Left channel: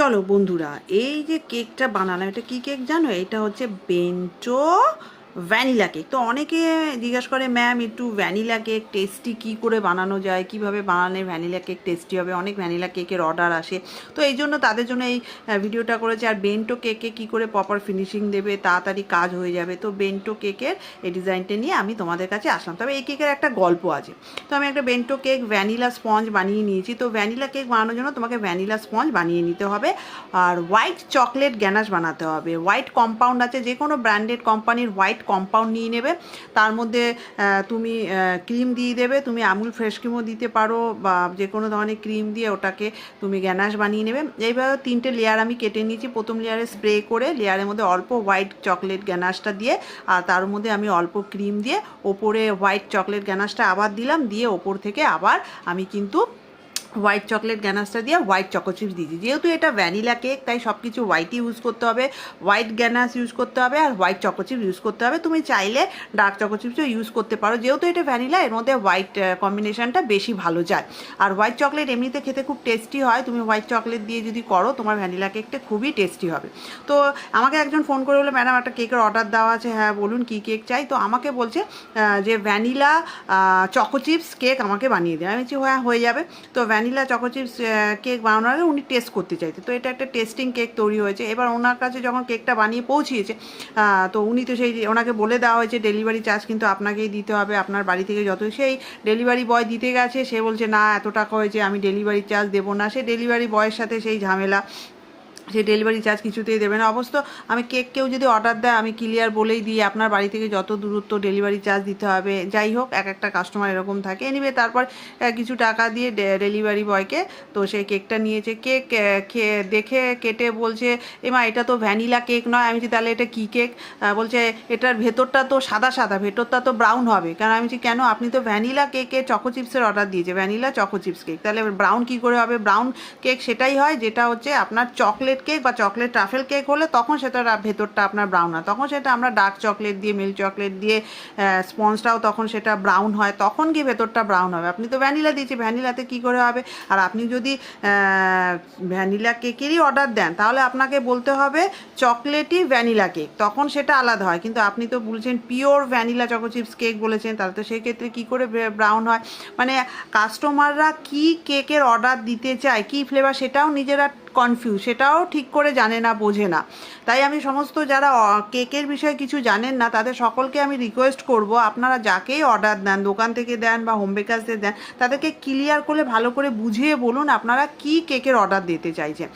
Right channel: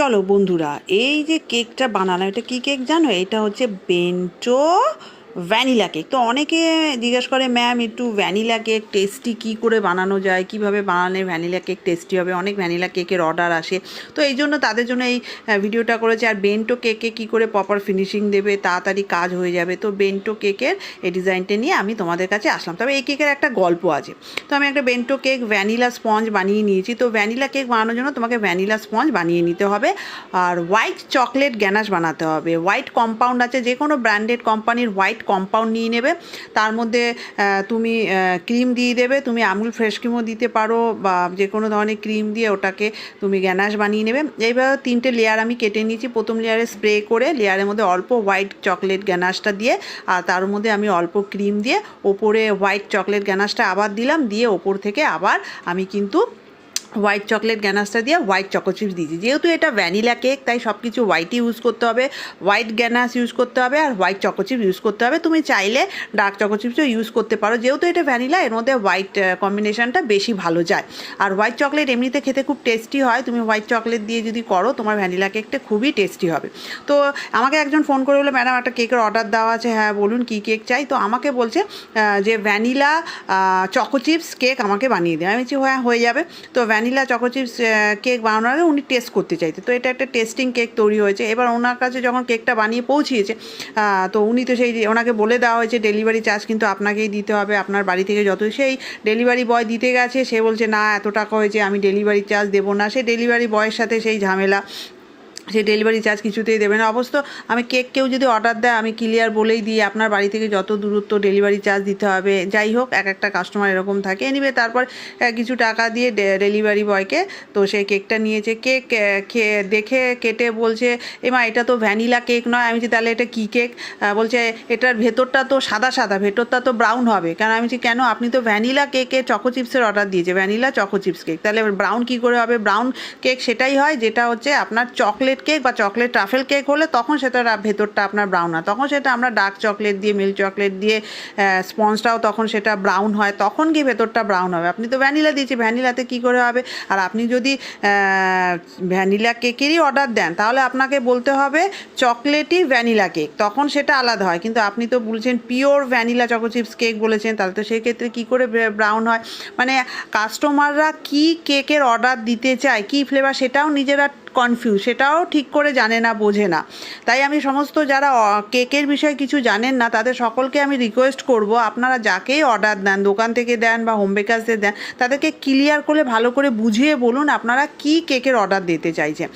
চলো বন্ধুরা, এই যে কেকটা বানালাম, এটা কি কেক জানো? এটা হচ্ছে বেন্টো ভ্যানিলা কেক। তো অনেকে জিজ্ঞেস করে, ম্যাম একটু ভ্যানিলা কেক টেস্টি কী করে বানানো যায়, কিভাবে বানালে ভ্যানিলা কেক টেস্টি হবে। অনেক ভ্যানিলা কেকের অর্ডার আসে, তো এই জন্য তাদের জন্য এই ভিডিওটা করেছে। আর বেন্টো কেকে কী করে প্রপার ফিনিশিং দেবে, তাড়াতাড়ি কাজ হয়ে যাবে, তো বেন্টো কেকের এই ডিজাইনটা নিয়ে আমি তোমাদের কাছে আসলাম। তবে এই কেকের একটা গল্প আছে। তো আমি একটা বেন্টো কেক ভ্যানিলা স্পঞ্জ বানিয়ে নিয়েছি। তো ভ্যানিলা কেক বানানোর জন্য তোমাকে ভ্যানিলা স্পঞ্জ বানিয়ে নিতে হবে, আর হোয়াইট চকলেট গ্যানাশ বানাতে হবে। হোয়াইট কম্পাউন্ড আছে, যে কোনো ব্র্যান্ডেড কোম্পানির হোয়াইট কম্পাউন্ড নিয়ে নেবে। তার মধ্যে তুমি ক্রিম দিয়ে দেবে, তুমি আমুল ফ্রেশ ক্রিমও দিতে পারো, বা যে কোনো ধরনের ক্রিম দিয়ে ওটাকে তুমি গ্যানাশ বানিয়ে নেবে। এইভাবে 3টে লেয়ার আমি কেটে নিয়েছি। প্রথম লেয়ারে স্প্রে করে লেয়ারের মধ্যে অল্প হোয়াইট চকলেট গ্যানাশটা দিয়ে, আর তার মধ্যে আমি অল্প ক্রিম দিয়ে ওপরে হোয়াইট চকলেট গ্যানাশটা আবার দিলাম, দিয়ে ওপর থেকে আবার আমি কিন্তু হোয়াইট চকলেট গ্যানাশটা দিয়ে হোয়াইট চকো চিপস দিয়েছি। যেহেতু এটা ভ্যানিলা কেক, তাই সব কিছু হোয়াইটই ইউজ করতে হবে। হোয়াইট গ্যানাশ ইউজ করতে হবে আর হোয়াইট চকো চিপস ইউজ করতে হবে। তুমি চাইলে ডার্ক চকো চিপসও ইউজ করতে পারো, যেহেতু এটা ভ্যানিলা, এর মধ্যে হোয়াইট কম্বিনেশনটা বেশি ভালো যায়। আর হোয়াইট চকলেট এমনিতে খেতে খুব টেস্টি হয়, তুমি হোয়াইট চকলেট দিয়ে যদি করো তোমার ভ্যানিলা কেকটা খুবই টেস্টি হবে। তো আমাকে একজন ফোন করে বললো, ম্যাডাম একটা কেকের অর্ডার দেওয়া আছে। হ্যাঁ বলুন, কী কেক চাই? তো আমাকে বলছে যে ভ্যানিলা চকো চিপস কেক আমাকে বানিয়ে দেয়। আমি বলছি হ্যাঁ, হয়ে যাবে। তো ভ্যানিলা চকো চিপস কেক বানানোর আগে উনি টেস্ট করতে চাইতে, তো এটা একটা টেস্টিং কেক তৈরি হয়েছে। এবার ওনার কাছে যখন কেকটা বানিয়ে পৌঁছিয়েছে, তো উনি তো সেই ওনাকে বলে দেওয়া হয়েছে ডেলিভারি চার্জ কিন্তু আপনাকেই দিতে হবে, আপনার বাড়ি থেকে যত। সেই ডেলিভারি বয় দিতে গেছে, সে বলছে না এত টাকা হয়েছে, আমি ডেলিভারি চার্জ দেবো না। সে ডেলিভারি বয়ের সাথে সেই ঝামেলা, সে ডেলিভারি চার্জ কিছুতেই দেবে না। অবশ্য আমি কেক কেউ যদি অর্ডার দেয়, আমি ক্লিয়ার বলেই দিই আপনার বাড়ি থেকে যত দূরত্ব ডেলিভারি চার্জ দিতে হবে। যাই হোক, এক একটা কাস্টমার এরকম থাকে। এনিওয়ে, তারপর কিছু টাকা দিয়ে ডেলিভারি বয়কে তো সেই কেকটা নিয়েছে। কেক দেখে কেটে বলছে, এমা এটা তো ভ্যানিলা কেক নয়। আমি বলছি তাহলে এটা কী কেক? বলছে এটার ভেতরটা তো সাদা সাদা, ভেতরটা তো ব্রাউন হবে। কারণ আমি বলছি কেন, আপনি তো ভ্যানিলা কেকে চকো চিপসের অর্ডার দিয়েছে, ভ্যানিলা চকো চিপস কেক, তাহলে ব্রাউন কী করে হবে? ব্রাউন কেক সেটাই হয় যেটা হচ্ছে আপনার চকলেট কেক বা চকলেট ট্রাফেল কেক হলে তখন সেটা ভেতরটা আপনার ব্রাউন হয়, তখন সেটা আমরা ডার্ক চকলেট দিয়ে, মিল্ক চকলেট দিয়ে স্পঞ্জটাও তখন সেটা ব্রাউন হয়, তখন কি ভেতরটা ব্রাউন হবে। আপনি তো ভ্যানিলা দিয়েছি, ভ্যানিলাতে কী করে হবে? আর আপনি যদি ভ্যানিলা কেকেরই অর্ডার দেন, তাহলে আপনাকে বলতে হবে চকলেটই ভ্যানিলা কেক, তখন সেটা আলাদা হয়। কিন্তু আপনি তো বলছেন pure vanilla choco chips cake বলেছেন, তাহলে তো সেই ক্ষেত্রে কী করে ব্রাউন হয়? মানে কাস্টমাররা কী কেকের অর্ডার দিতে চায়, কী ফ্লেভার, সেটাও নিজেরা কনফিউজ, সেটাও ঠিক করে জানে না, বোঝে না। তাই আমি সমস্ত যারা কেকের বিষয়ে কিছু জানেন না, তাদের সকলকে আমি রিকোয়েস্ট করব, আপনারা যাকেই অর্ডার দেন, দোকান থেকে দেন বা হোম বেকার্সদের দেন, তাদেরকে ক্লিয়ার করে ভালো করে বুঝিয়ে বলুন আপনারা কী কেকের অর্ডার দিতে চাইছেন।